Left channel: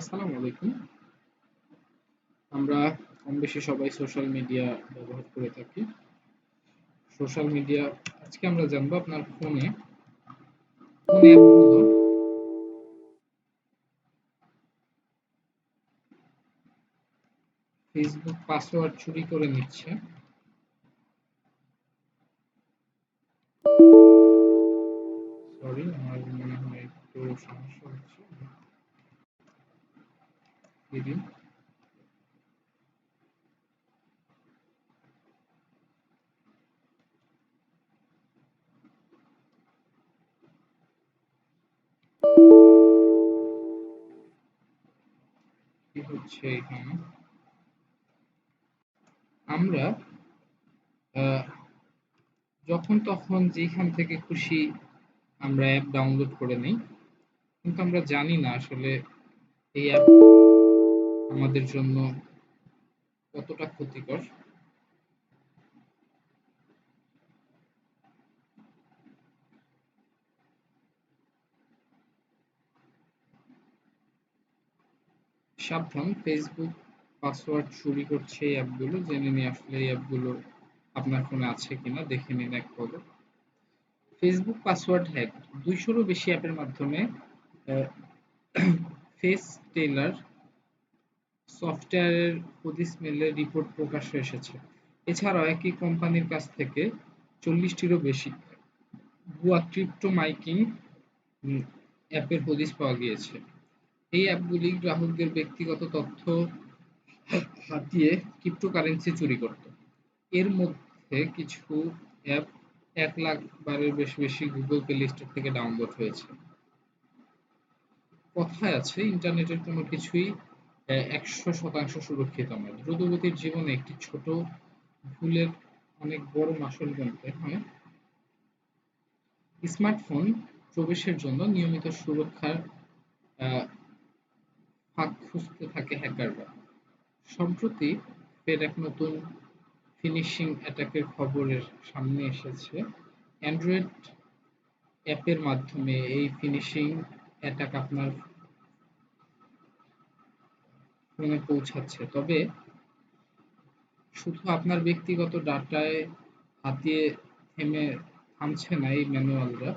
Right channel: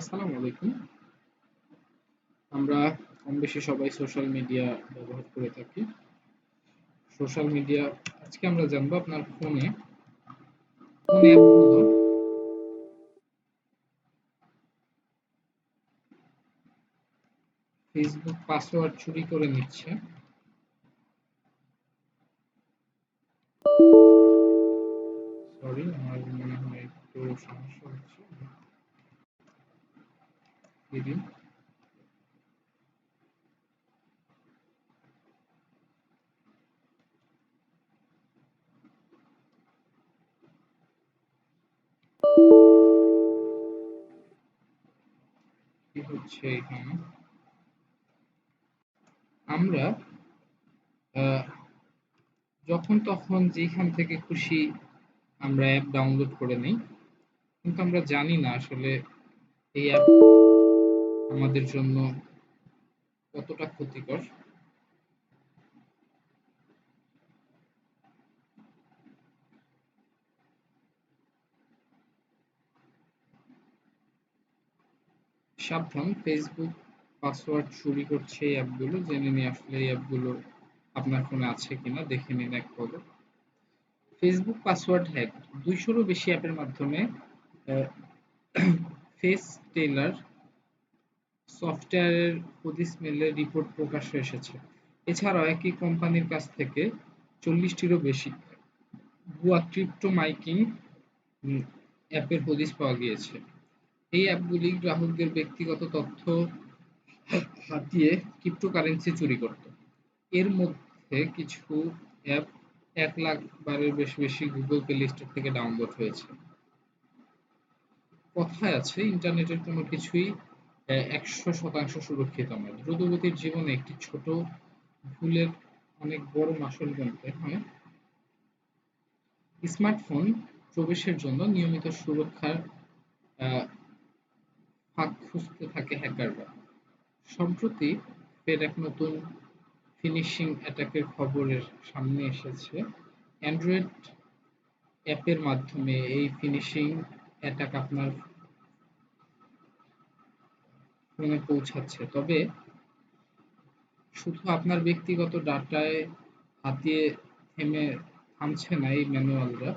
আসসালামু আলাইকুম। আমরা কম বেশি সবাই সোশ্যাল মিডিয়া ব্যবহার করে থাকি। সোশ্যাল মিডিয়া আজকে আমরা জানবো আপনার ফোনে কোন অ্যাপগুলো ফেসবুক পাসওয়ার্ড চুরি করে নিচ্ছে। সরি, আমার মনে হয় একটু সমস্যা হচ্ছে। দিদি, কি হচ্ছে এখানে? আমরা আহ, যখন তখন যেখান থেকে খুশি আমরা অ্যাপ ডাউনলোড করে নিই, কিন্তু আমরা জানি না আসলে এই অ্যাপ আমাদের জন্য কতটা ক্ষতিকর। সাবধান, ফেসবুক পাসওয়ার্ড চুরি করছে এই অ্যাপগুলো। জেনে নিয়ে আসলে এই অ্যাপগুলো আপনার ফোনে আছে কিনা দেখে নিন এক পলক। ফেসবুক পাসওয়ার্ড হ্যাক, 200-রও বেশি অ্যাপের মাধ্যমে ফেস টেলার সফটওয়্যারের হদিস মেলে রিপোর্ট প্রকাশ্যে এসেছে। এছাড়াও একই কোম্পানির কাছ থেকে 40-টিরও বেশি ভুয়া ক্রিপ্টো মাইকিং অ্যাপের হদিস পাওয়া গিয়েছে। এই অ্যাপগুলি গ্রাহকদের ব্যক্তিগত তথ্য হাতিয়ে ক্রিপ্টোকারেন্সি চুরি করত। এর মধ্যে কিছু অ্যাপ 1 লাখ বারের বেশি গুগল প্লে স্টোর থেকে ডাউনলোড হয়েছে। কথায় আছে, ইন্টারনেটের কোনো কিছুই 100% সুরক্ষিত নয়। দ্রুতগতির জীবনে একটি ছোট ভুলের অনেক বড় মাসুল গুনতে হয়। স্মার্টফোন প্রবেশের জন্য নিয়মিত সুরক্ষার আহ, ফাঁক খুঁজতে থাকে হ্যাকাররা। সম্প্রতি ফের এক নতুন ফিনিশিং অ্যাটাকের খবরের সামনে এসেছে। অ্যান্ড্রয়েড অ্যাপের মাধ্যমে এই ফিনিশিং অ্যাটাক আপনার ফোনে পৌঁছাচ্ছে। তবে শুধু আপনার ব্যক্তিগত ডাটায় হাতিয়ে থামছে না এই ম্যানুয়ালরা।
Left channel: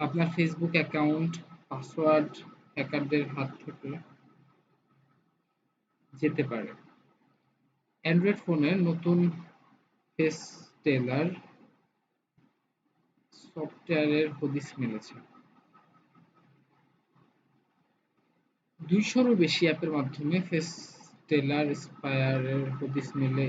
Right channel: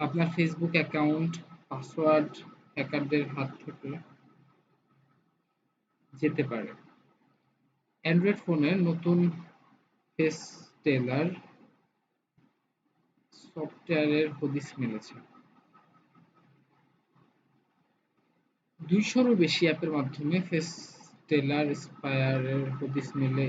আপনার ফেসবুক অ্যাকাউন্ট পাসওয়ার্ড হ্যাকারদের হাত থেকে যেতে পারে। অ্যান্ড্রয়েড ফোনের নতুন ফেস টেলার সফটওয়্যারের হদিস মিলেছে। 200-রও বেশি অ্যাপের মাধ্যমে ফেস টেলার স্পায়ারের হদিস মেলে